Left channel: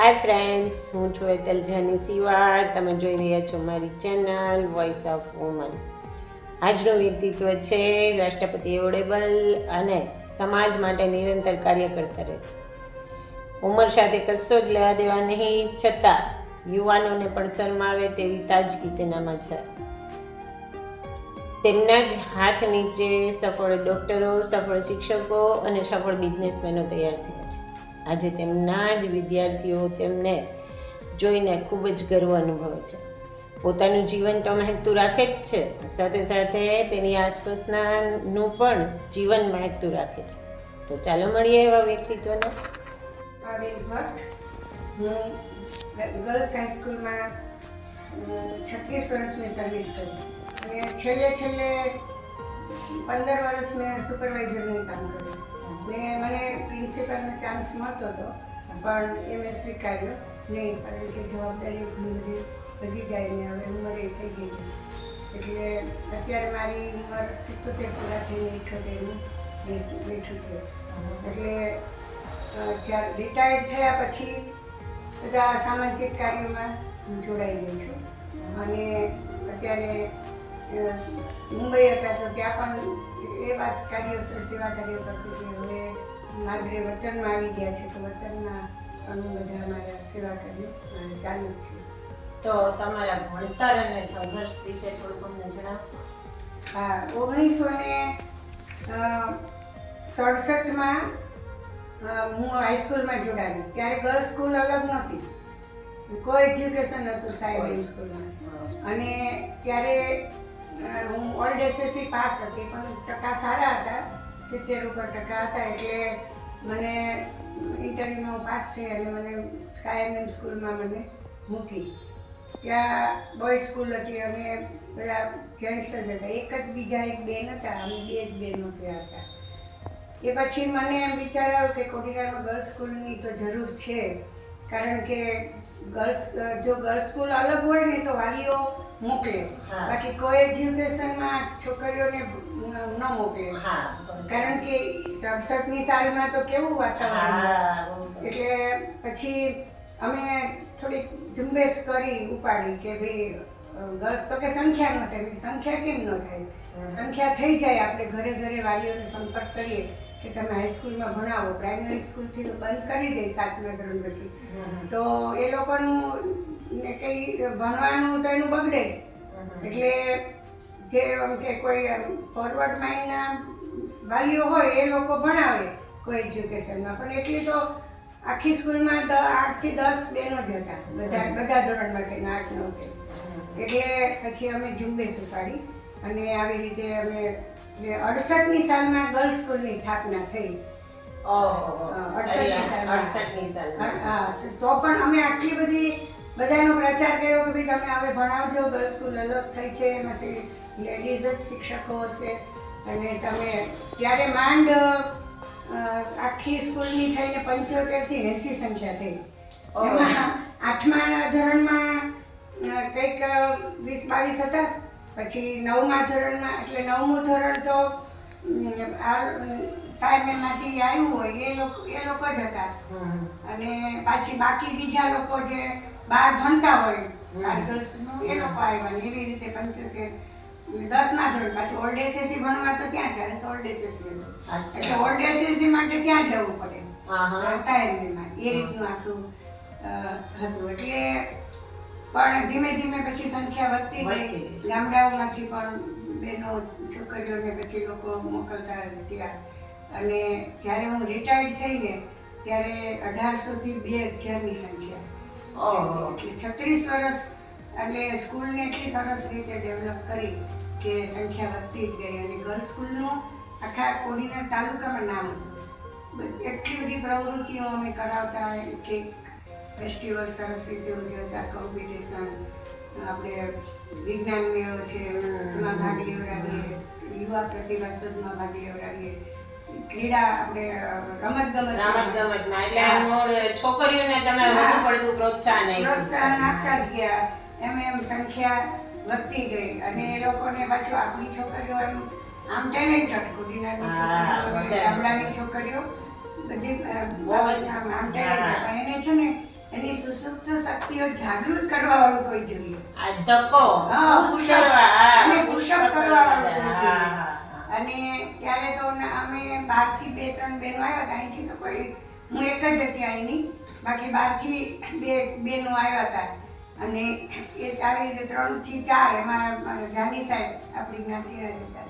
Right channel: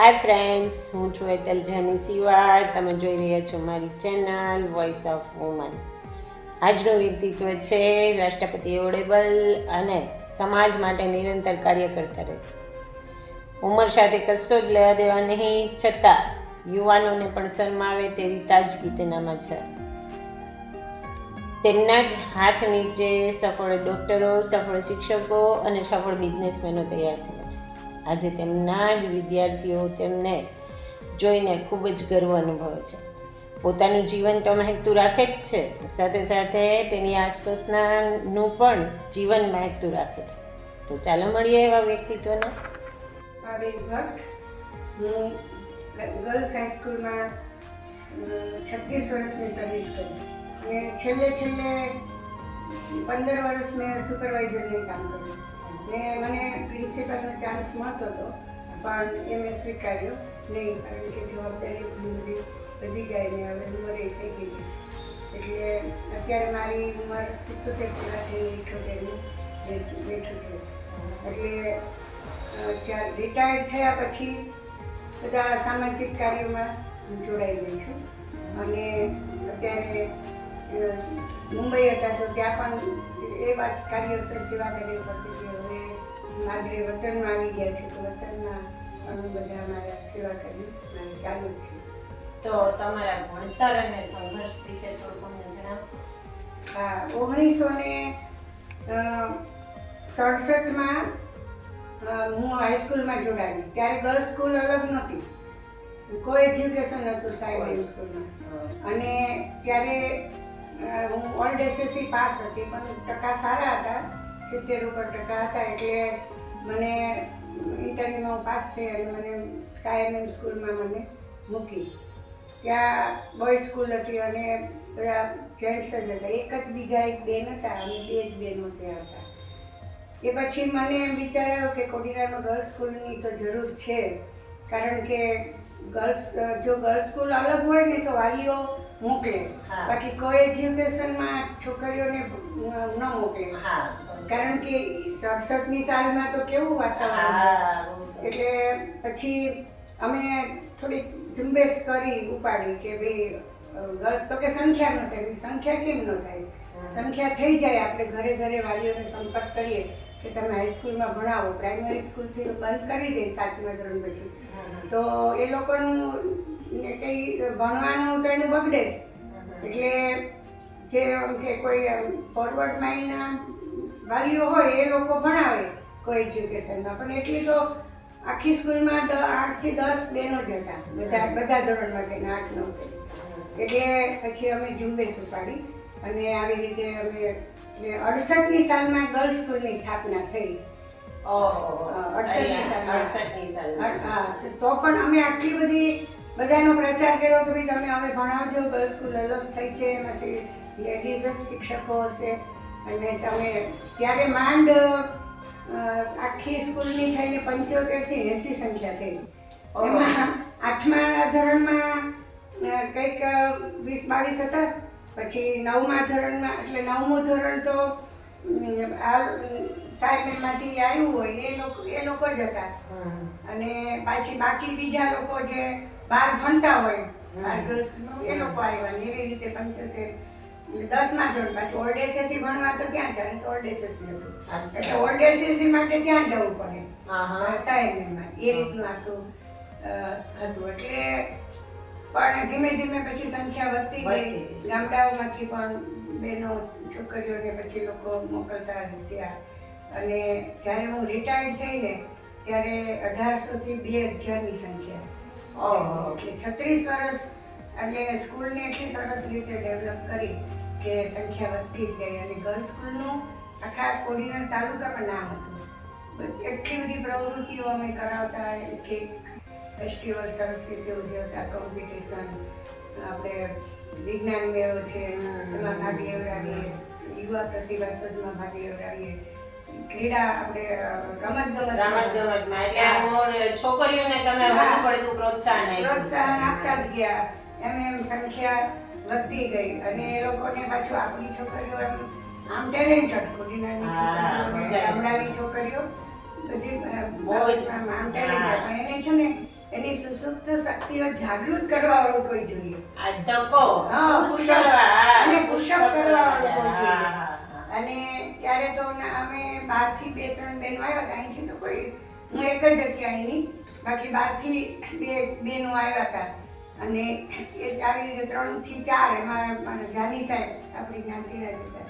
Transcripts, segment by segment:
Hi friends હું છું એતલ જાની સિવાડ તમે જોઈ રહ્યા છો મારી ચેનલ વોઇસ ઓફ વુમન આજનું વ્યક્તિત્વ છે રાષ્ટ્રપતિ એવોર્ડેબલ અને સમાજ માટે નિરંતર કાર્ય કરતા રહેતા ઉંમર સાથે કશો જ લેવા દેવા નહીં. છતાં યુવાનોને પણ શરમાવે તેવી તાજગી તેનામાં છે. તેમના જ હાથ નીચે સફળ ડૉક્ટરો, સફળ શિક્ષકો અને સફળ બિઝનેસમેનો તૈયાર થયા છે. આજે તેમના જ વિદ્યાર્થીઓ તેમને જોઈને ખૂબ જ ગર્વ અનુભવે છે. પોતાનું જીવન તો મહેકતું રાખે જ છે, સાથે સાથે તેની આસપાસનાનું પણ જીવન મહેકતું રાખે છે. તો ચાલો મળીએ એવા વ્યક્તિત્વને. ગર્લ્સ હાઈસ્કૂલમાં છત્રીસ વર્ષ મેં સર્વિસ કરી. અને છેલ્લે છેલ્લે પંદર વર્ષ મેં સુપરવાઇઝરનું કામ કર્યું. ને મને પ્રિન્સિપલનો ચાન્સ મળતો હતો પણ એ મેં સ્વીકાર્યો નહીં, કારણ કે જવાબદારી ઘણી બધી વધી જાય ને હવે ઉંમરે થઈ ગઈ એટલે અત્યારે મારી ઉંમર સિત્તોતેર પૂરા થઈને ઇઠોતેરનું બેઠું છે. એટલે જ્યારે રિટાયર થયા પછી બધા સામાજિક કાર્યોમાં હું જોડાઈ ગઈ છું. અને અત્યારે મુંબઈ હતા તો ત્યાં પણ એવા જ કાર્યો સેવા કાર્યો કરતી હતી હવે માદરે વતનમાં આવી ગયા છે તો વતનમાં અમે બધા અમારા સેવા કાર્ય ચાલુ છે. તો તમારા ભણતર અને સંઘર્ષ વિશે થોડુંક અમને જણાવશો? હા ઓગણીસો ને સડસઠમાં હું હાઈસ્કૂલમાં જોડાવી ત્યારે ગર્લ્સ સ્કૂલ અલગ નહોતી. કોઈ એજ્યુકેશન નહોતું સાહેબ સ્કૂલમાં અને ત્યારે હું ઓલ્ડ એસએસસી પાસ હતી, પણ ટકા સારા હતા. સિત્તેર ઉપર ટકા હતા, એટલે મને ઇન્ટરવ્યૂમાં પાસ થઈ અને મને સાહેબ સ્કૂલમાં મને મૂકી. ત્યાં બોય સ્કૂલ હતી અને બધા જેન્ટ્સ જ હતા. એક જ બીજા એક બેન હતા અને બે જ બેનો ત્યાં હતા. એ પછી મને એમ વિચાર આવ્યો કે કોડીનારમાં ગર્લ્સ સ્કૂલની તો જરૂર છે. કારણ કે ગર્લ્સ જો ગર્લ્સ સ્કૂલ અલગ હોય ને તો વાલીઓ મોકલે બાકી કોઈ એજ્યુકેશનમાં છોકરીઓને ન મોકલે હા કારણ કે સડસઠની સાલમાં તો કેવું વાતાવરણ. એટલે પછી અમે થોડીક ઝુંબેશ કરી ઉપાડી કે ભાઈ ગર્લ્સ તો કે સંખ્યા ન થાય. સંખ્યા કેમ ન થાય? સંખ્યા થઈ જાય. આપણે ઘરે ઘરે વાલીઓને સંપર્ક કરીએ કે તમે હાઈસ્કૂલમાં ભણાવો. પ્રાઇમરી સ્કૂલથી તો બંધ કરી દે સાતમા ધોરણ પછી. તો એ લોકોનું ને કંઈ ભણવાનું તો એનું બગડે જ. એટલે જે આમ કે કોઈ ફોરવર્ડ માઇન્ડના વાલીઓ હોય એ લોકો ભણાવે કોઈ એજ્યુકેશનમાં પણ એટલી તો આખી સ્કૂલમાં દ આઠથી દસ બેનો જ હતા. બધા બધા ધોરણમાંથી ને આઠ નવ એટલે પછી અમે ઝુંબેશ ઉપાડી અને આવી રીતે અમે એટલે અડસઠની સાલમાં ગર્લ્સ સ્કૂલની સ્થાપના થઈ. અડસઠની સાલમાં. હા તો પણ અમે આટલી બધી બધાનો પ્રચાર કર્યો કે ભાઈ તમે હવે ભણાવજો ગર્લ્સ સ્કૂલ અલગ થઈ છે એમાં લેડીઝ જ શિક્ષકો હશે. અને તમે ત્યારે માંડ આખી સ્કૂલની થઈને પંચોતેરથી એંસી સંખ્યા થઈ. એમાં આઠમા ધોરણમાં કંઈક વીસ બાવીસ હતા. પછી નવમા ધોરણમાં એટલે નવમું ધોરણ તો આ સાહેબ એમાંથી આવ્યું હોય એ લોકો એ લોકો જ હતા. અને પાછી બાકી બીજા લોકો જે બહાર ભણતા હોય એનો એ લોકો આવ્યા ને એવી રીતે પંચોતેર દસમા ધોરણ પાછું ઓલ્ડ એસએસસી ભણવા તો ક્યાં જાય? તો ઓલ્ડ એસએસસી હતું. એટલે ઓલ્ડ એસએસસી માટે ત્યાં જવું પડે. સાહેબમાં એ રીતનું આટલું હતું. એટલે પણ ધીમે ધીમે પછી સંખ્યા વધતી ગઈ. ગામડાઓમાંથી પણ બેનો છોકરીઓને પછી લોકો મોકલતા ત્યાં અને જ્યારે હું રિટાયર્ડ થઈને ત્યારે અઢારસોથી બે હજારની સંખ્યા. ઓહો. એટલે છત્રીસ વર્ષ એટલે સ્કૂલને એટલી સરસ રીતે ડેવલપ કરી કે સંખ્યા વધતી જ ગઈ અને ગર્લ્સ સ્કૂલનું આખા કોડીનાર તાલુકામાં નામ હતું એટલી બધી પ્રવૃત્તિઓ અમે કરાવતા એક ફેસ્ટિવલ સરસ રીતે ઉજવતા કોમ્પિટિશન આપણે વિજ્ઞાન મેળો છે, એમાં ભાગ લેવડાવીએ, યુવા પ્રતિભા શોધમાં ભાગ લેવડાવીએ ક્રીડા આપણે રમત ગમત રમત ગમતમાં એટલે છોકરીઓને તમે વધુ પડતું પ્રોત્સાહન પ્રોત્સાહન આપતા જ ગયા. એમ એમ સંખ્યા વધતી ગઈ અને એ લોકોને પાછું આપણી છોકરીઓ આમ ટેલેન્ટેડ કોડીનારની છોકરીઓ ગામડાની છોકરીઓ બધી બહુ જ. આમ આમ ટેલેન્ટેડ એને છે ને એની સુસુપ્ત શક્તિઓ જાગૃત કરવા વાળું કોઈ જોઈએ. આ ધક્કો કરવા વાળું કોઈ જોઈએ. અને ત્યારે તો અમે બહારથી બે ત્રણ બહેનો આવ્યા હતા અહીંથી તો કોઈ હું એક જ હતી અહીંની બાકી બહારથી બે બહેનો આવ્યા હતા અને એ આવી રીતે ત્રણથી ચાર એમાં જાની સાહેબ આપણી જ્ઞાતિના હતા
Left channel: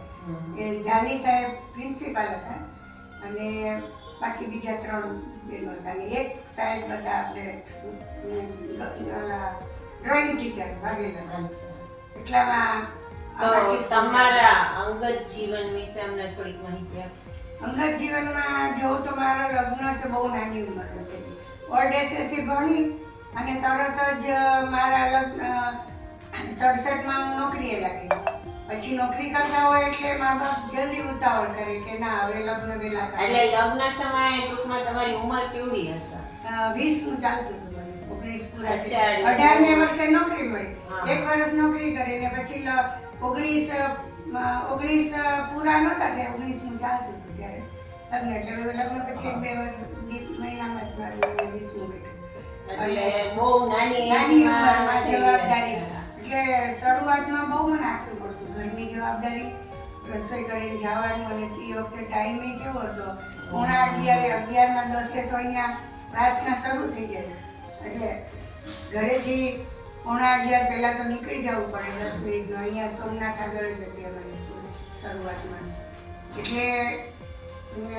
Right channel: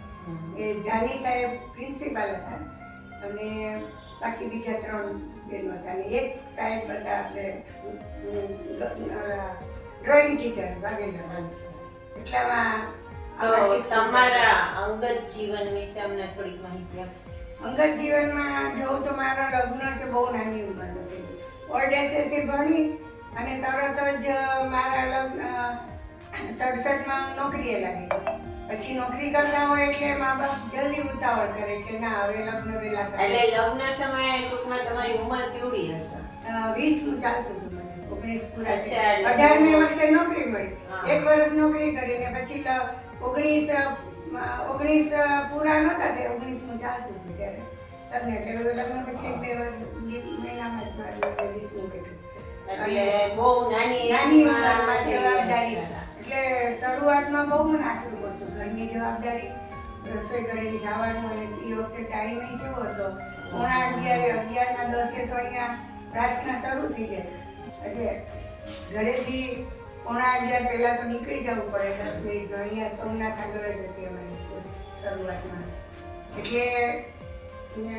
એ જાની સાહેબ પ્રિન્સિપાલ હતા અને બાકી બીજા ત્રણ બહેનો હતા અને એક સાહેબ હતા આપણે ડ્રોઈંગ ટીચર વાઘેલા. એટલામાં તો તમારા અંગત જીવન વિશે અમને થોડીક માહિતી આપશો? અંગત જીવનમાં જોઉં તો મારા લગ્ન તો બહુ નાની ઉંમરમાં થઈ ઓલ્ડ એસએસસી ભણી અને તરત જ મારા લગ્ન સડસઠમાં નોકરીએ લાગી પછી નોકરી કરતા હોય એટલે મા બાપ જલ્દી ઉતાવળ કરે કે ના હવે લગ્ન વહેલા એટલે લગ્ન સમયે ટૂંકમાં તમારી ઉંમર કેવડી હશે? વીસનું ચાલતું હતું ઓગણીસ પૂરા એટલે- વર્ષે નોકરી મળી. એક વર્ષ નોકરી કરીને પછી ઓગણીસ ઓગણીસ પૂરા નહોતા થયા ઓગણીસમું ચાલતું હતું ત્યારે. લગ્ન એટલે લગ્ન પછી બે મહિનામાં જ મારું વીસમું એટલે બહુ નાની નાની ઉંમરમાં જવાબદારી. એટલે શરૂઆતમાં બહુ મને આટલું પડતું ઘરની જવાબદારી. રસોઈ કરીને જવાનું અને એ વખતે ટાઈમે કેવો હતો. પોણા અગિયારે અગિયારના દસે તો અહીંયા પ્રાર્થના શરૂ થઈ ગયા એટલે ઘરેથી પોણા અગિયાર પહેલાં તો નીકળી જવું પડે દસ મિનિટનો અહીંયા સોમનાથ આગળ જ હતી અમારી સ્કૂલ શરૂઆતમાં. એટલે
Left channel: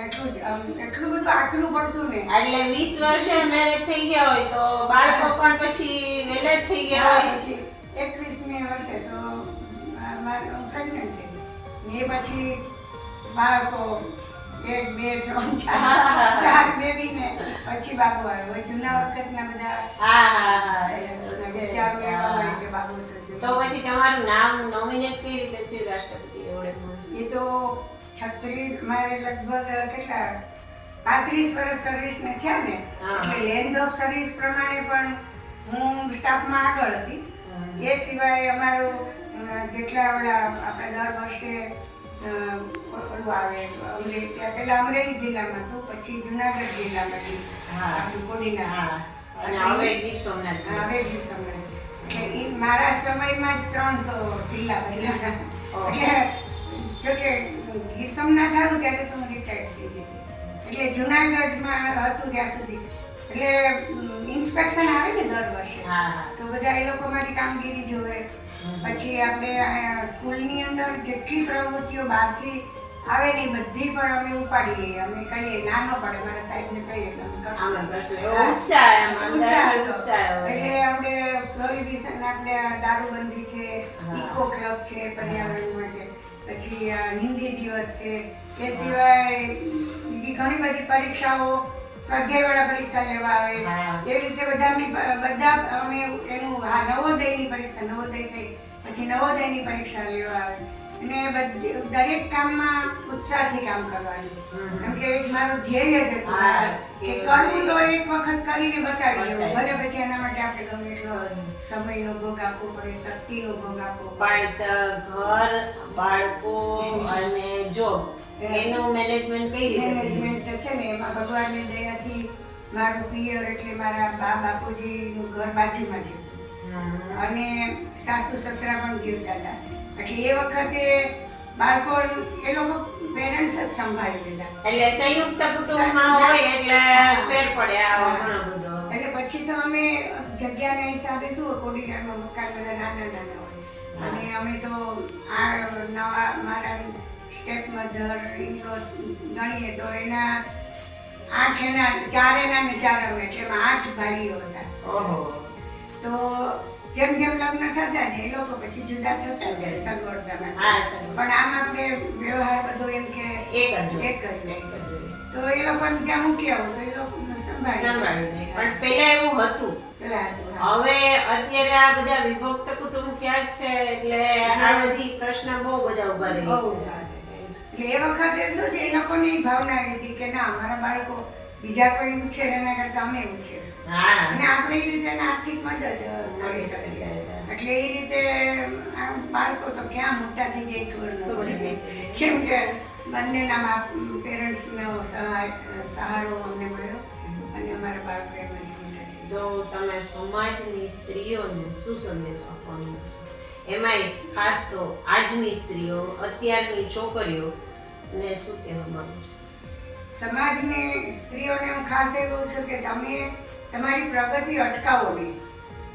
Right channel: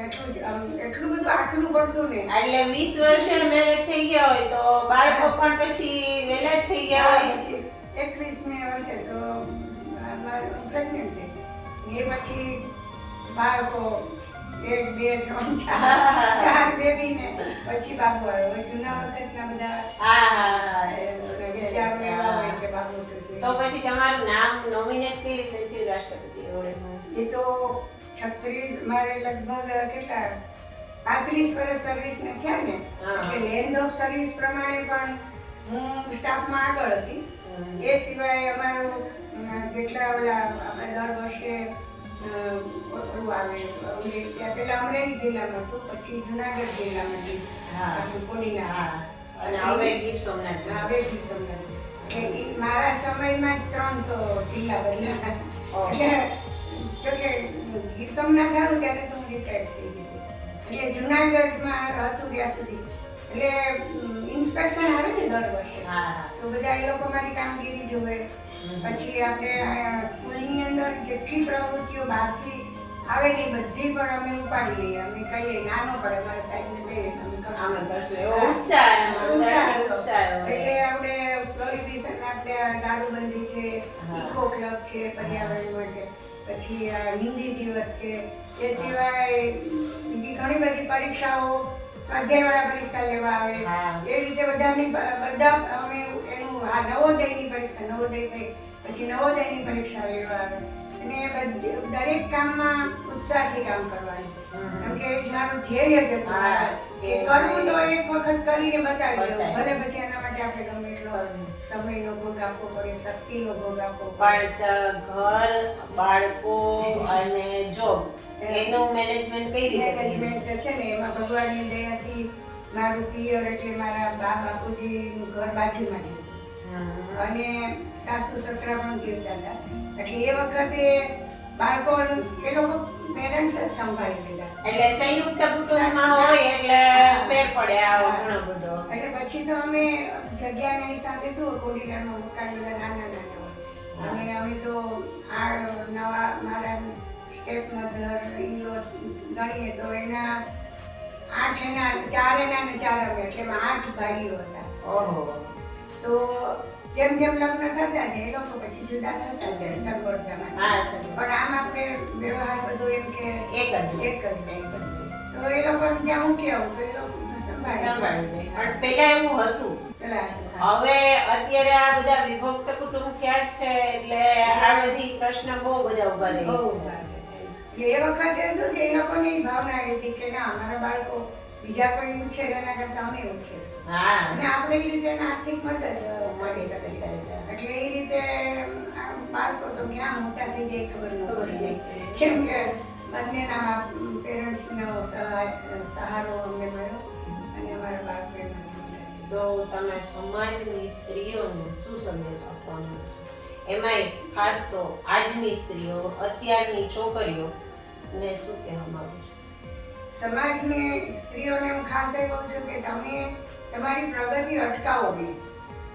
એટલું જ એટલું બધું આટલું પડતું ને. એટલે વીસ વર્ષે મેરેજ થઈ ગયા હોય તો બાળકો પણ પછી વહેલા જ થઈ ગયા હોય. એકવીસ એકવીસમી વર્ષે તો પ્રેગ્નન્ટ થઈ ને એ પછી બાળકો એક બે ત્રણ ચાર. ચાર બેબી ને પછી બાબુ આવ્યો જૂના વખતના બધા હા એવા હોય કે બાબુ તો જોઈએ. તો પછી તમારું નામ નોમિનેટ કઈ રીતે થયું રાષ્ટ્રપતિ એ તો છત્રીસ મારે લગભગ કેટલા? પાંત્રીસ વર્ષ સર્વિસને થયા ને. એટલે લેન્ડ ઓફ સર્વિસ પ્રમાણે પણ હું સ્ટાફમાં આગળ હતી. એ સિવાય અમારું જેટલા ઓલા આપણે દર વર્ષે ઓલું આવે પહેલા અમરેલી જિલ્લામાં હતું પછી જુનાગઢ જિલ્લામાં હા. આપણું કોડીના. હા. અને હવે ગીર સોમનાથ. હવે ગીર સોમનાથ. મારા સમયમાં જ ત્રણ તો જિલ્લા બદલાયા. એટલે જોકે ગીર સોમનાથ આવ્યું ત્યારે તો હું રિટાયર્ડ થઈ ગઈ એટલે જુનાગઢમાં હતું ત્યાં સુધી. એટલે ઇન્સ્પેક્શન આવે ને દર વર્ષે. તો બધા એ લોકો મારી કામગીરી જોવે. પછી આપણે સ્કૂલની અંદર જેટલી પ્રવૃત્તિઓ બહારથી આવે ને બધી પણ અમે ઉપાડી લઈએ. અમે કહીએ નાનો પડે મારા સાહેબને કહીએ. એટલે આપણે પ્રોહિબિશન આપણે દારૂબંધી છે ઇકો ક્લબ છે પર્યાવરણ માટે. પછી હિન્દી દિવસ છે. એ સિવાય બીજી ઘણી બધી પરીક્ષાઓ સ્વાધ્યાયવાળા પરીક્ષા લેવા આવે. એવી રીતે બધાની બધા અમે એનું આ નવોદયની પરીક્ષા નવોદય થઈ. પછી નવોદયની પરીક્ષા લેવા આવે. અને બધી દરેક કામમાં ઉત્સાહથી કામ કરવાનું. કેમ કે મારું ધ્યેય જ હતું કે કરવું તો એક વખત કરીને બતાવી દેવું. ભલે પછી એના માટે આપણે ગમે એટલો સમયનો ભોગ આપવો પડે શક્તિનો ભોગ આપવો પણ ઘર બાળકો અને જોબ એનું મેનેજમેન્ટ કઈ રીતે મેનેજમેન્ટ છે ને એમાં ભગવાનની દયાથી મારું પિયર એટલે મારા બા બાપુજીનું ઘર બાજુમાં હમ. અને સાસુ સસરા પણ જીવતા હતા. એટલે એ વખતે બાળકો એ લોકો પેરેન્ટ્સ જ સંભાળી લીધા. એટલે સંયુક્ત કુટુંબમાં હોય એટલે ફેર પડે આ ઘણો બધો. એટલે પછી તો અમે જગ્યાના હિસાબે શું કોડીનારમાં મકાન બધા નાના નાના હોય. અને અમે તો આ નવા મારા સ્ટેપ મધર ઇનલો ગણીએ તો એના આઠ એના ચાર એના ને ચાર અમે એટલે આઠ ભાઈઓ હતા. ઓહો. તો જેમ જેમ લગ્ન થતા જાય એ લોકો પછી જુદા થતા જાય હા. સર પણ આમ આપણે વ્યવહાર બધો એમ કે એક જ એક જ. તો એ લોકોને ત્યાં હું આવું તો એ લોકો સંભાળી. પણ પેલા એવું હતું. હવે અત્યારે આ બધા વિભક્ત કુટુંબ ક્યાં છે? એટલે આ બધી પ્રશ્ન બહુ બધા ઊભા રહી છે. એટલે એ વખતે શું છે એ લોકોની ભાવના હતી કે ના અમારા બાળકો બીજા કોઈ છે એના કરતા અમે હા. અને આપણે એ રીતે આર્થિક મદદ મળી શકે એટલે એ રીતે બાળકો તો ક્યાં મોટા થઈ જાય ખબર ન કેમ કે બંનેના પેરેન્ટ્સનો સહાય સહારો અમને મળ્યો. અને અમારા બાળકો એમાં તો તમે સમાજની સ્ત્રીઓને શું સંદેશો આપવાનો? એમાંય ખાસ તો આજની સ્ત્રીઓ અત્યારની છોકરીઓ ને શું કહેવા માંગો છો? સમાજને સ્ત્રીઓને હું ખાસ એ કહું છું કે તમે તમારી પ્રગતિ અટકાવો નહીં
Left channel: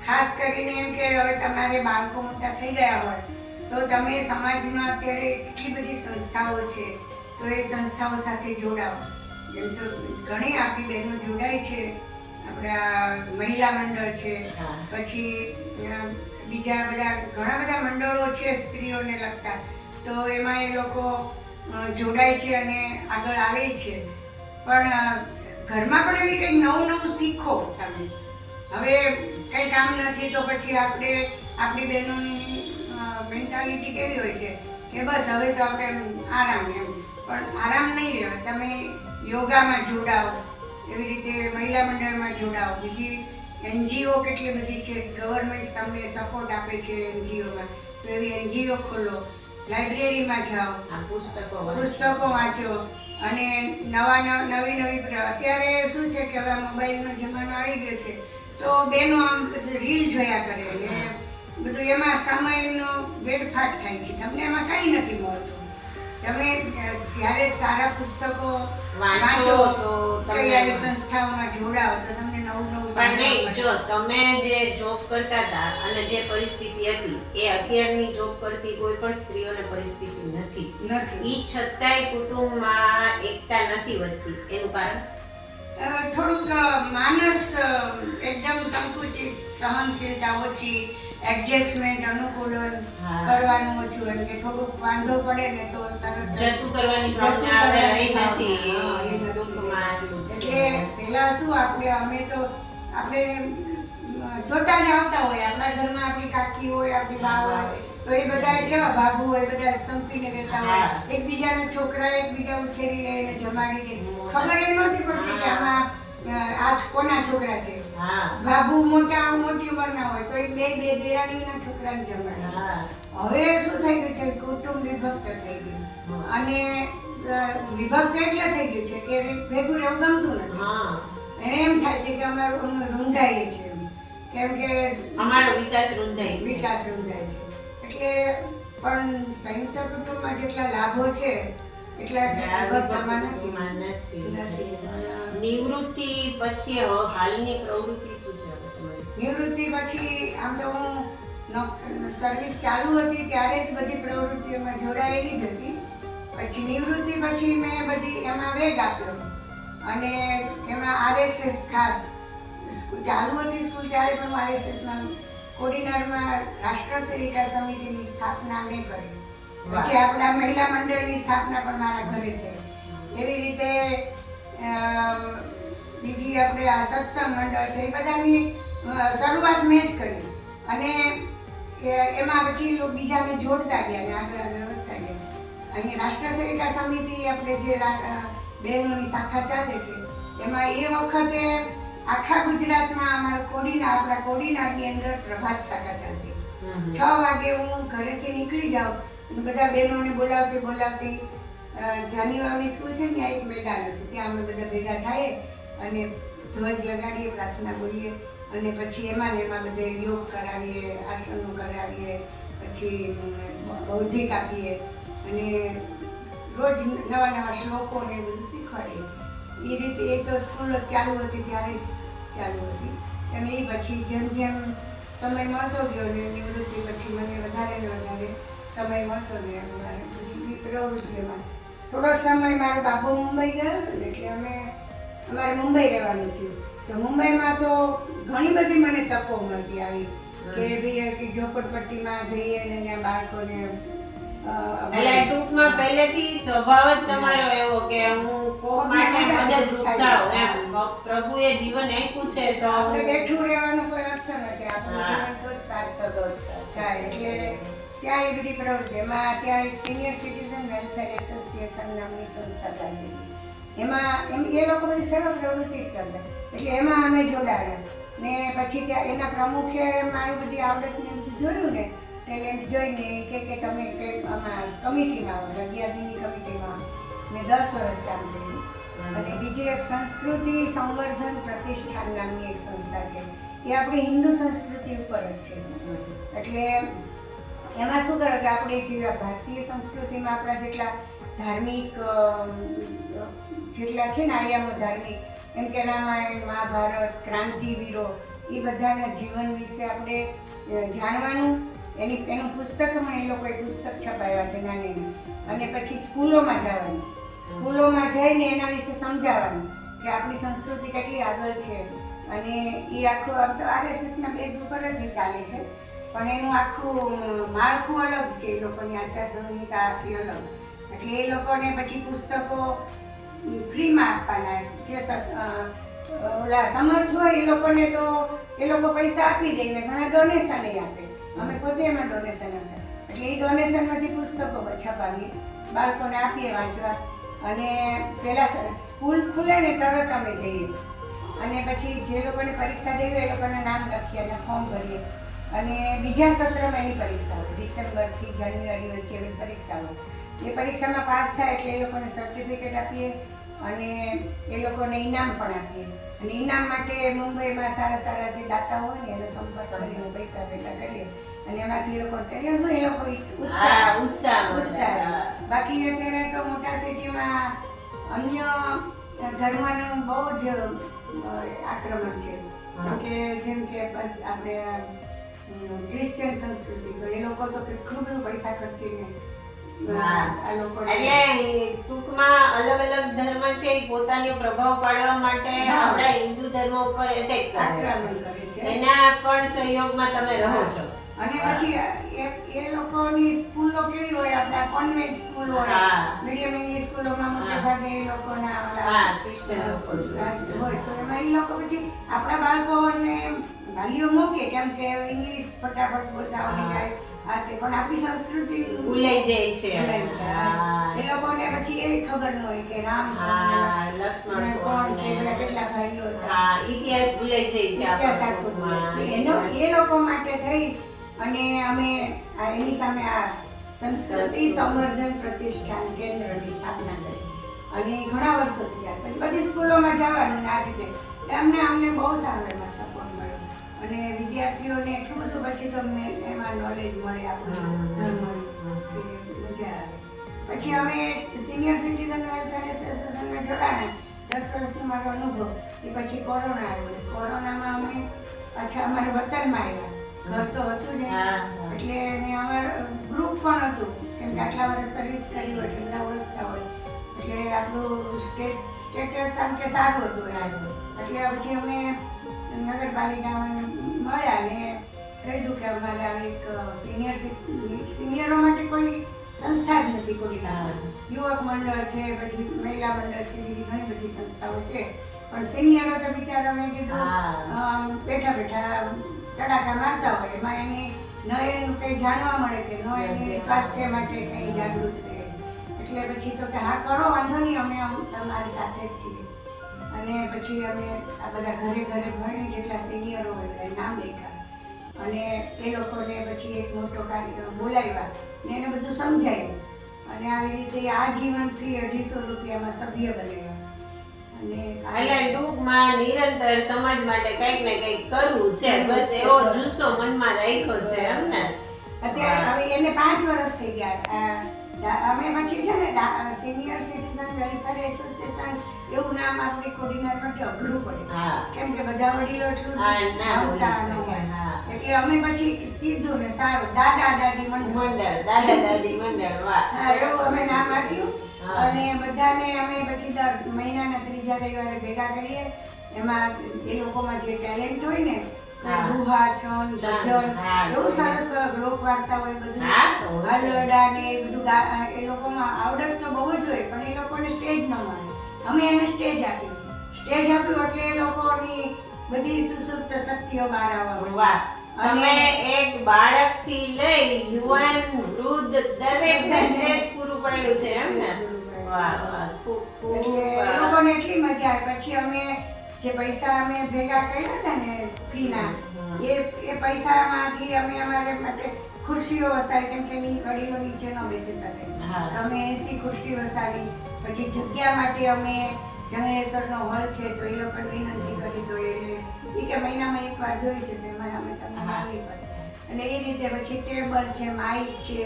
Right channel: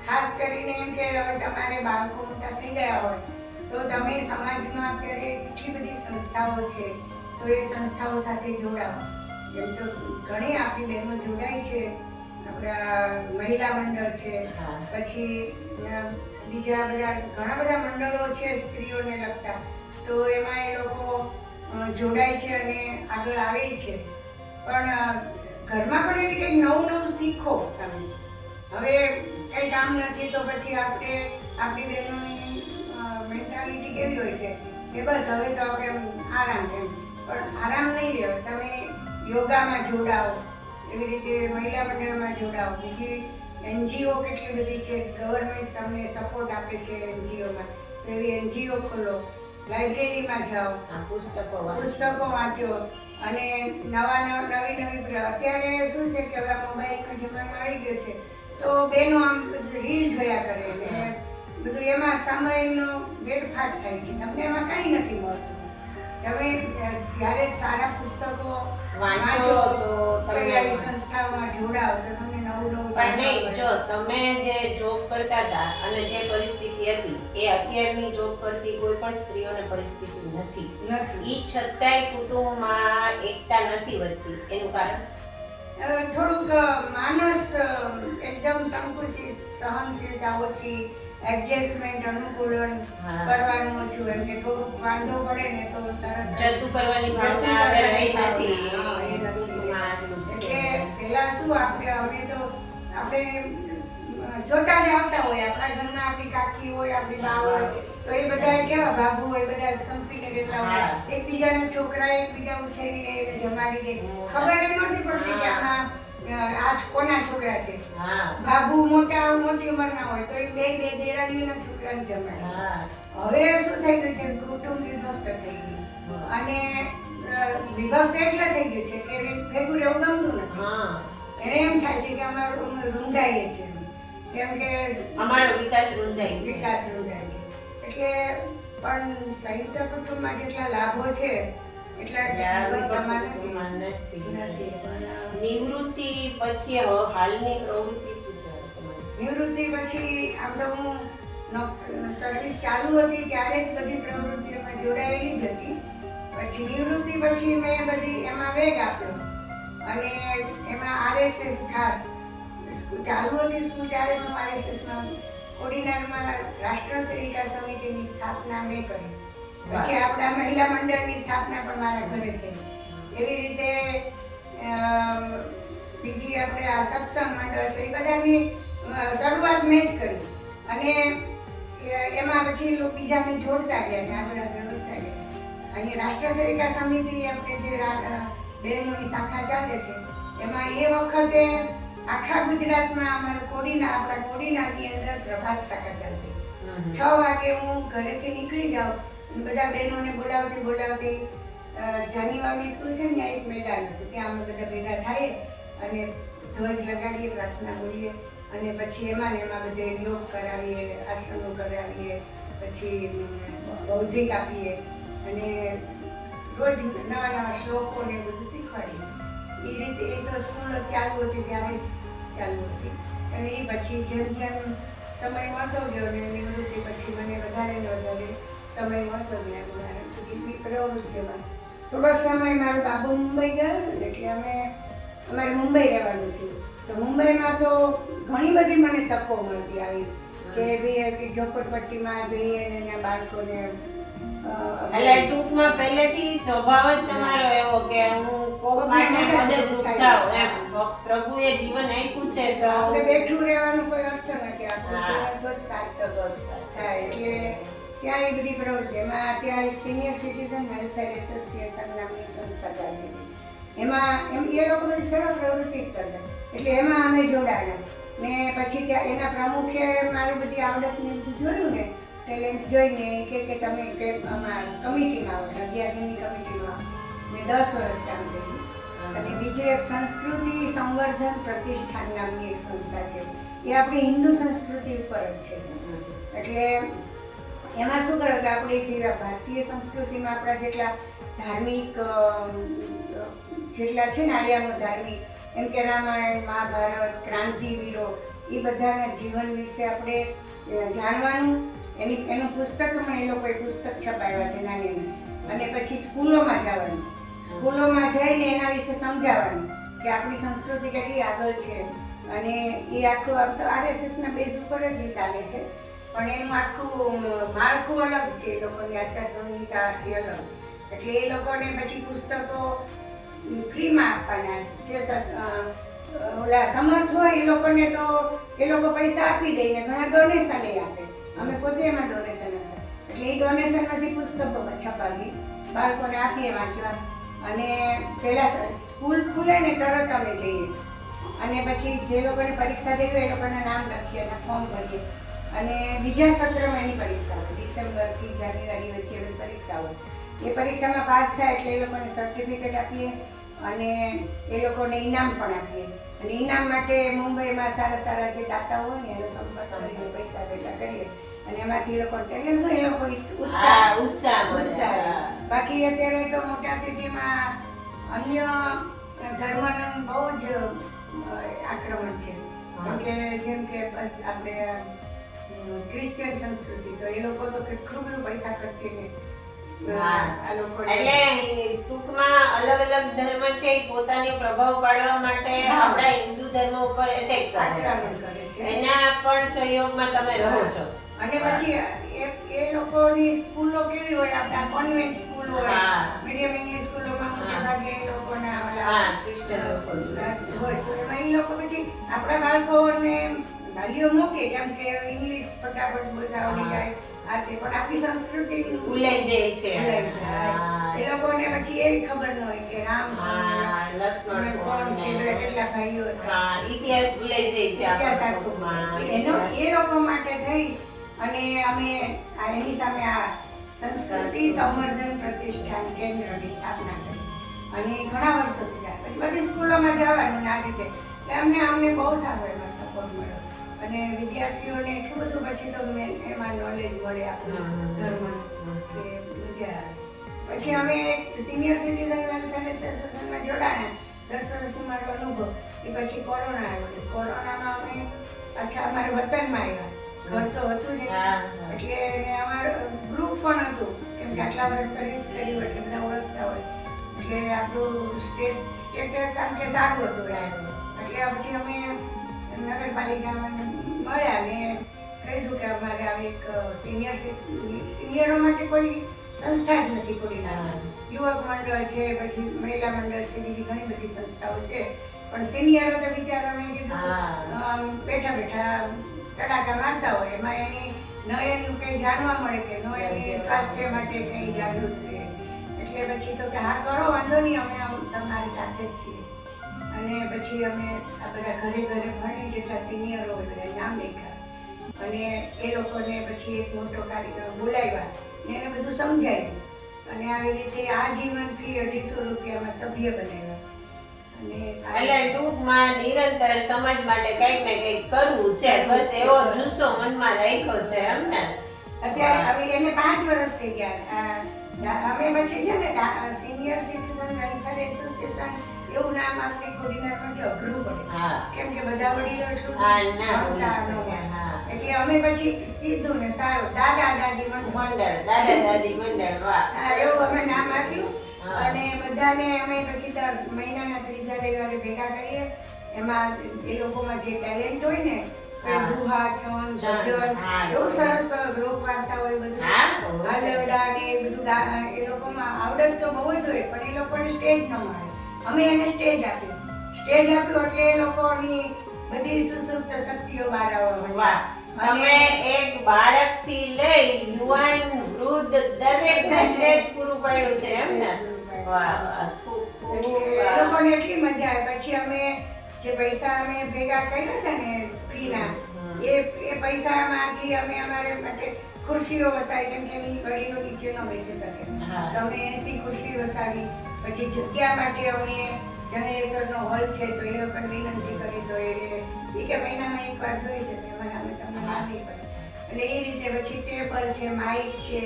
ખાસ કરીને એમ કે હવે તમારે બાળકો મોટા થઈ ગયા હોય તો તમે સમાજમાં અત્યારે એટલી બધી સંસ્થાઓ છે તો એ સંસ્થાઓ સાથે જોડાવો જેમ તો ઘણી આપણી બહેનો જોડાય છે આપણા મહિલા મંડળ છે પછી બીજા બધા ઘણા બધા મંડળો છે સ્ત્રીઓને લગતા. તો એમાં એ લોકો જોડાય છે અને આગળ આવે છે. પણ ઘરમાં પણ એવી કંઈક નવું નવું શીખો તમે. હવે કંઈ કામ નથી તો પછી આપણે, આપણી બહેનોની મેન્ટાલિટી કેવી હોય છે? કે બસ હવે તો આપણે આરામ એમ. પણ આરામ નહીં રહેવાય. તમે યોગામાં જોડાઓ. એવી રીતે મહિલા મંડળમાં જોડાઓ. બીજી એનજીઓ કેટલી બધી છે? ગવર્મેન્ટ તમને સપોર્ટ આપે છે એનજીઓમાં. તો એવી એનજીઓ ખોલો. લાઇબ્રેરીમાં જાઓ. પુસ્તકો વાંચો. પુસ્તકો વાંચો. અને નવા નવ- નવી નવી અત્યારે શું છે કે હવે મોબાઈલનો જમાનો આવી ગયો છે. તો બેનો આમ રીલ જોયા કરે એટલે બધું એમાં સમયનો વેડફાટ થાય છે. તમને એમાં કંઈ નથી મળતું. તમે જ્યારે સારા પુસ્તકો વાંચો તો કઈ આવી સંસ્થાઓમાં જોડાઓ તો તમને પણ નહીં જો તમે જે જોબ કરતા હતા અને જે પરિસ્થિતિ હતી એ અત્યારની જોબ કરતી કોઈ પણ સ્ત્રીઓને પરિસ્થિતિ નથી. નથી. ઈ છતાંય કુટુંબમાં એકતા નથી વધતી. એનું કારણ? થોડુંક માનસ એકદમ સંકુચિત સહનશીલતા ઓછી એડજસ્ટમેન્ટ અનુકૂલન કરવાનું ઓછું એમ કે થોડુંક વાંધો પડે ને તો તરત જતું કરવાની જતું કરવાની નથી. પહેલા શું આપણે અમે તો આપણે જોતા જ આવતા હોય આપણા ઘરમાં આપણી કાકી હોય આપણી બા હોય તો એ બધા કેવા બાબુ હોય બધા સંપીને રહેતા હોય. એકબીજાના છોકરા એકબીજા ઉછેરી લે એને જમાડી દે ખબર એ નહોતી પડતી કે આમાં આજ કોના છોકરા છે? બાબુ મોટા મોટી ઉંમરના હોય તો એ બે બે દેરાડીના છોકરાને જમાડે હવે શું થઈ ગયું છે? કુટુંબ વિભક્ત થઈ ગયું. અને વિભક્ત એટલે થઈ ગયું છે કે ભેગું રહેવું રૂંધાઈએ છે. કેમ કે અમારો વિકાસ રૂંધાય છે. વિકાસ રૂંધાય છે. એટલે પણ સંયુક્ત કુટુંબમાં જેટલા લાભો છે નિવૃત્તિ પછી હાલની પ્રવૃત્તિ શું છે નિવૃત્તિ પછી આમ તો હું સર્વિસ ચાલુ હતી ત્યારે જ બધી પ્રવૃત્તિઓમાં જોડાયેલી જ હતી. પછી નિવૃત્તિ પછી મેં બધી એમાં વેગ આપ્યો. અને એમાં આરએસએસ ખાસ સ્કૂલ ચાલુ હતી સ્કૂલ ત્યારે પણ હું આરએસએસમાં કોડીનારમાં રાષ્ટ્ર સેવિકા સમિતિની સ્થાપના મેં કરી. પછી આપણા મહિલા મંડળની સ્થાપના પણ મારા ઘરે થઈ. એવી રીતે બીજી આપણે આ સત્સંગ મંડળ છે એ બધાની શરૂઆત મેં જ કરી. અને એમાં પછી બીજાને જોડતા ગયા આગળ આગળ વધતા ગયા. અહીં રાષ્ટ્ર સેવિકા સમિતિ આપણે જે બહેનોની શાખા ચાલે છે એમાં એ વખતે આખા ગુજરાતમાં અમારા કોડીના આપણા કોડીનારની અંદર પ્રભાત શાખા ચાલતી. છ વાગે હું ઘરેથી નીકળી જાઉં. બધા બહેનોને બોલાવતી બોલાવતી જાન્યુઆરી સ્કૂલ છે ને ત્યાં એક મેદાન હતું. ત્યાં અમે બધા ભેગા થાય અને ધ્વજ લગાડીએ પ્રાર્થના બોલીએ અને પછી એમાં ને એમાં બધે યોગ કરાવીએ આસનો કરાવીએ પછી બૌદ્ધિક આપીએ અને રોજ નવા નવા શ્લોકો ને બધું શીખવાડીએ. એ રીતે એ તો સ્કૂલ ચાલુ હતી ત્યારે જ ચાલુ હતી. અને એ પછી જેમ જેમ સમય મળતો ગયો ને નિવૃત્તિ પછી મને વધારે ને વધારે સમય મળતો ગયો મારે બધી પ્રવૃત્તિઓમાં થોડો સમય મારો બાબુ મુંબઈ ગયો ને એટલે અમે અમારે મુંબઈ રહેવાનું થયું તો મુંબઈમાં તો ઘણી બધી મને તકો મળતી આવી. કે ભાઈ કે ઝોપડપટ્ટીમાં જઈએ ને ત્યાં બાળકોને એટલે ટૂંકમાં પહેલેથી સ્વભાવ જ તમારો એવો કે હું કોક માટે મદદરૂપ થાવ એમ. પ્રભુએ જીવન આપ્યું છે તો આપણે બેઠું રહેવાનો કોઈ અર્થ નથી આપણું. જીવન તો જ સાર્થક થાય. એટલે ત્યાં એ બધી પ્રવૃત્તિ. એમાં ત્યાં એક સિનિયર સિટીઝન વેલફેર એસોસિએશન નામની સંસ્થા ચાલી એમાં એમ એ લોકો બધી સેવા પ્રવૃત્તિ જ કરતા એટલે એમાં અમે જોડાણા ને પછી ત્યાં એના પ્રમુખે મારી બધી આવડત ને બધું જોયું ને ટેલેન્ટ જોઈને કે કે તમે કે આમાં કમિટીમાં આવો અગિયાર દિનની કમિટીમાં. મેં દસ વર્ષ કામ કર્યું. અને બીજી એક સંસ્કૃતિ સંવર્ધન પ્રતિષ્ઠાન નામની એક સંસ્થા છે. એ આપણી હિન્દુ સંસ્કૃતિ ઉપર જ છે. એટલે એમાં શું કરે કે આપણે જે ભારતીય સંસ્કૃતિમાં આપણા જેટલા ધાર્મિક જેટલા છે ને આયામો ધાર્મિક એમ કે રામાયણ મહાભારત ક્રાંતિવીરો એ બધાના જીવન વિશે આપણે જાણવાનું એની, એનું પુસ્તક પણ એ લોકોએ પુસ્તક છપાવ્યા છે નાની અને પછી સ્કૂલોમાં જવાનું. સ્કૂલોમાં જઈને એના વિશે સમજાવવાનું કે આપણી સંસ્કૃતિ કેટલી આગળ છે. અને એ આખું આમ તો આરએસએસના બેઝ ઉપર જ એ ચાલે છે. પણ એનું આખું માળખું અલગ છે, એ લોકોની આચાર સંહિતા આખી અલગ. એટલે એ લોકોને પછી પુસ્તકો ફ્રીમાં આપવાના જે ઓલા સમર્થ હોય એ લોકોને તો એ લોકો પૈસા આપી દે ને ઘણા ડોનેશન આપે. અમે પોતે એમાં ડોનેશન આપે એટલે એ ડોનેશનમાંથી પુસ્તકો છપાવીએ, બાળકોને આપીએ વાંચવા. અને પહેલાં સ્કૂલ ખુલે ને તરત અમે જઈએ. અને પછી જે લોકોને પરીક્ષા દેવી હોય એ લોકોના નામ લખીએ અને ફોર્મ ભરીએ. અને બીજા સત્રમાં એની પરીક્ષા હોય. ડિસેમ્બરથી જાન્યુઆરી વચ્ચે એની પરીક્ષા હોય. એ પરીક્ષામાં પાસ થાય એટલે એ લોકોને સર્ટિફિકેટ આપીએ. અને એ લોકોને ઇનામ પણ આપીએ. અને ઇનામ માટે મુંબઈમાં સારા સારા જે દાતા હોય ને એનો સંપર્ક કરીને પૈસા ભેગા કરીએ. અને એમાંથી એ લોકો એટલે શું એ લોકો ઉત્સાહ. ઉત્સાહ ઉત્સાહ. બાકી અત્યારે તો મોટા સિટીમાં અન્ય ધર્મનું બહુ જ આક્રમણ છે. કે જેમ કે બસ આપણે ક્રિશ્ચિયન સંસ્કૃતિ તો એ લોકો તો કેટલું બધું પૈસા ખર્ચીને એટલે ટૂંકમાં અલગ અલગ ધર્મ છે એ પોતાનો પ્રભાવ પાડવા માટે આપણા હિન્દુ ધર્મ ઉપર એટેક કરે છે. એના પણ સહયોગમાં તમે રહો છો. અને પછી એ એ લોકોની સ્કૂલો કેવી હોય? આપણા કોન્વેન્ટ સ્કૂલ હોય. મીડિયમ ઇંગ્લિશ સ્કૂલોમાં મોટે ભાગે એ લોકોના હા ક્રિશ્ચન લોકો હોય. તો એમાં એ લોકો પછી આપણા બાળકોને વાલીઓ મૂકે કેમ કે ઇંગ્લિશ ફટાફટ બોલતા હા. આ તે પણ આપણી સંસ્કૃતિ. ભૂલાઈ જાય છે. એ લોકોને પછી એવી ખબર ન હોય કે રામ લક્ષ્મણ કોણ કેટલા ભાઈઓ હા ઇતિહાસ ભૂલાઈ જાય છે ઇતિહાસ આખો. એનો એ લોકો માટે થઈ અને અમે આ એની સામે આ સંસ્કૃતિ સંવર્ધન પ્રતિષ્ઠાન કેન્દ્રની સ્થાપના કરી. અને ઘણા વર્ષોથી જાય પછી બધી સ્કૂલોમાં જવાનું ના આ રીતે. અમને અમને બહુ સારો એમાં સપોર્ટ મળ્યો. અને વિદ્યાર્થીઓને એટલું બધું પછી તો અમને એમાં નોલેજ મળે આપણું કે. પછી અમે સિનિયર સિટીઝન વેલફેર એસોસિએશનમાં જોડાયા દસ વર્ષનો મારો અનુભવ. એ પછી કોરોના આવ્યો. કોરોનામાં અમે પાછા અમારા વતનમાં આવ્યા. ઘર તો હતું જ. એટલે મેં અમારું ગ્રુપ પણ હતું. કેમ કે આટલા વર્ષ સર્વિસ કરી હોય એટલે બધા ઓળખતા હોય. એટલે આપણું સ્ટેટ સ્ટેટસ આમ કે સારું હતું. એટલે પછી અમે નગરપાલિકામાં મળ્યા ને કીધું કે અમારે આવી એક સિનિયર સિનિયરો માટે કોઈ સંસ્થા જ નથી કોઈ યુવક મંડળ છે પછી મહિલા મંડળ છે બીજી ઘણી બધી સંસ્થાઓ છે. પણ સિનિયરો તો બિચારા મેં કીધું બેઠા બેઠા તડાકા મારતા હોય. એમાં એની ન એનું કંઈ જાણવા મળે કે ન એની સ્વાસ્થ્ય માટે કંઈ જાગૃત રહે. એટલે પછી તો કે હા કરો વાંધો નહીં અમે તમારી સાથે જ છીએ. અને પછી અમે આ બધા ઘરે ઘરે ભણી જેટલા સિનિયરો બધા નામ લખ્યા. અને એ લોકોને પછી એક મોટો કાર્યક્રમ બોલાવ્યા ને એને બધું સમજાવ્યું અને આવી રીતે આ જીવન ફી અઢીસો રૂપિયામાં સભ્ય બનાવ્યા. અને એટલે ટૂંકમાં નિરંતર સમાજ માટે કંઈક ને કંઈક કરવું છે. બસ એવો જુસ્સો મનમાં રાખ્યો છે એમ ને? અત્યારે હવે એને પાંચ વર્ષ થઈ ગયા. અમે પછી છે ને સિનિયર સિટીઝન વેલફેર એસોસિએશન એવું નામ આપણે કોડીનાર માટે અઘરું પડે. કેમ કે બધા વડીલો એટલું અમે પછી સીધું ને સારું દાદા દાદી મંડળ. દાદા દાદી મંડળ વાહ. એવું અમે નામ આપ્યું. અને બધાને અમે પછી દર મહિનાના ત્રીજા રવિવારે ભેગા કરીએ. એમાં એ લોકોમાં જે ટેલેન્ટ હોય ને હા. ગુહા છન છંદ, એવું એવું. સરસ લોક વાર્તા હોય બધું હા, તો હોય છે. હાલરડા ને એ બધું એ લોકોમાં આવડત તો બહુ જ હોય પણ એ લોકોને સ્ટેજ ન મળે અમે એને સ્ટેજ આપ્યું સ્ટેજ આપ્યું એટલે એ લોકોની બધી સુસુપ્ત શક્તિઓ બહાર આવવા માંડી. વાહ તમે એક લઈ યુવાન વૃદ્ધ દરેક સ્ટેજ પૂરું પાડ્યું છે એમ ને વાહ ખૂબ ખૂબ. લોકોને એટલી મજા આવે પછી અમે જે પૈસા અમે ભેગા કર્યા હતા ને ફીના એ એ પૈસામાંથી અમે અમારે માટે ખુરશીઓ વસાવી કેમ કે એની વડીલો નીચે ન બેસી શકે. અમે એસી ખુરશી વસાવી પછી જગ્યા માટે અમે જનરેશનનો હોલ છે તો એ પણ વિનંતી કરી તો એ કે મહિનામાં એક વાર જોઈએ છે તો એમાં અમે તમને આવી પડે એટલે એ રીતે પછી ટેબલ છે માઇક છે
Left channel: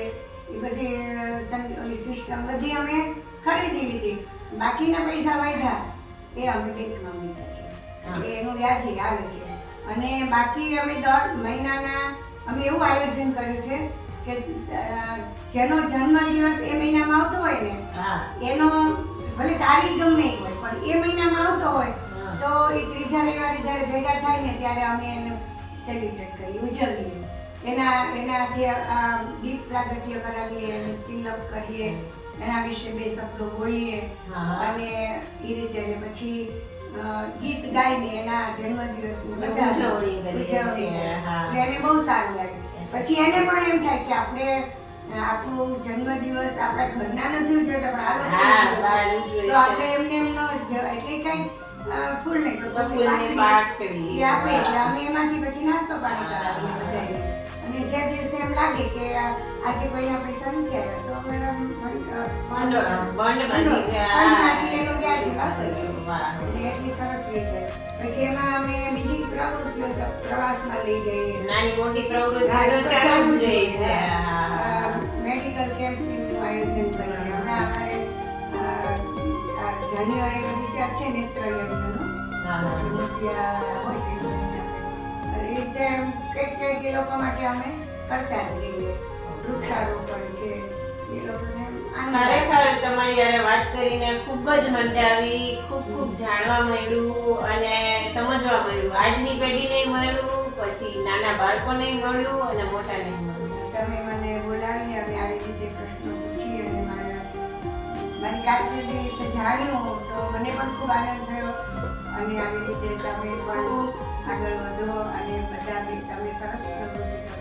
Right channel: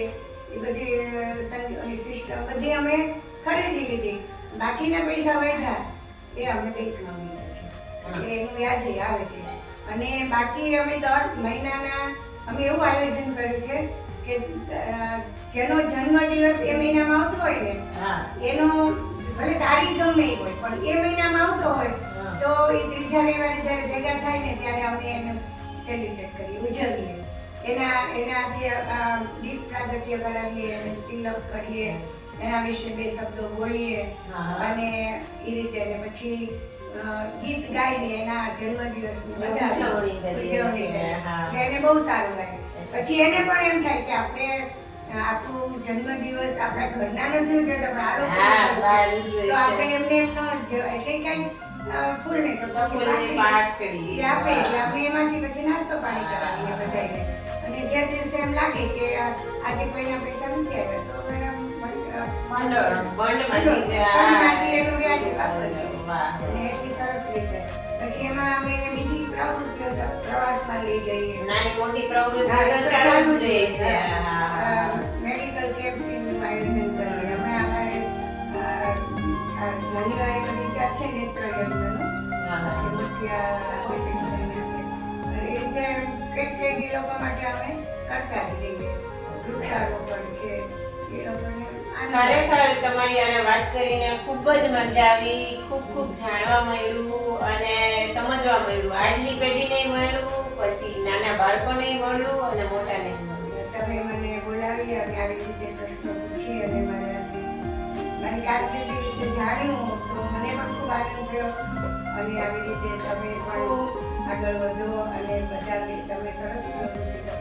એ બધી સિસ્ટમ બધી અમે ખરીદી લીધી. બાકીના પૈસા વધ્યા એ અમે મૂક્યા છે. એનું વ્યાજ આવે છે. અને બાકી અમે દર મહિનાના અમે એવું આયોજન કર્યું છે કે જેનો જેનો જન્મદિવસ એ મહિનામાં આવતો હોય ને એનો ભલે તારીખ ગમે હોય પણ એ મહિનામાં આવતો હોય તો એ ત્રીજા રવિવારે જ્યારે ભેગા થાય ને ત્યારે અમે એને સેલિબ્રેટ કરીએ ઉજવીએ. એના એનાથી જે દીપ પ્રાગટ્ય કરાવીએ તિલક કરીએ. એના વિશે બે શબ્દો બોલીએ અને એ રીતે અને પછી ગીત ગાઈને એના જન્મદિવસ ઉજવણી એને બહુ સારું લાગે. પછી એને પણ એમ થાય કે આપણે આપણું જન્મદિવસ આપણા ઘરના નથી ઉજવતા પણ આ. તો આપણે એમને એમનો એટલે કાંઈ ફૂલ નહીં તો ફૂલની. આપે એટલે અમે એમાંથી પછી નાસ્તો પાણી કરાવીએ બધાને અને જે દિવસે એમ લાગે કે આજે કોઈ પૈસા નથી આવ્યા એટલી સરસ રીતે પછી એમાં અમે બીજી પ્રવૃત્તિઓ પ્રવાસમાં લઈ જઈએ. નાની મોટી પ્રવૃત્તિઓ ચાલુ જ જ રહે છે. હા. હા, હા. મેડિકલ કેમ્પનું આયોજન કરીએ. અમે અમારે જાન્યુઆરી જ્યાં છે નેત્ર યજ્ઞનું એ રીતે કંઈક કંઈક એ લોકો માટે અમે કરતા જ રહીએ. વૃક્ષારોપણ છે. એ લોકોને. ખરેખર તમારી યારે વાત કરીને ખૂબ જ મજા આવી, ખૂબ ખૂબ જાણવા મળ્યું અને સમજવા મળ્યું. આજની પેઢીને મળ્યું, પછી નાના બાળકોને મળ્યું અને મોટાને તમે મને બોલાવી અને આવી રીતે પ્રશ્નો પૂછી અને મારે મારી કારકિર્દી વિશે જાણ્યું તો મને પણ ખૂબ આનંદ થયો. અને આવી રીતે તમે પણ આગળ વધો અને બધા તમે સરસ પ્રવૃત્તિ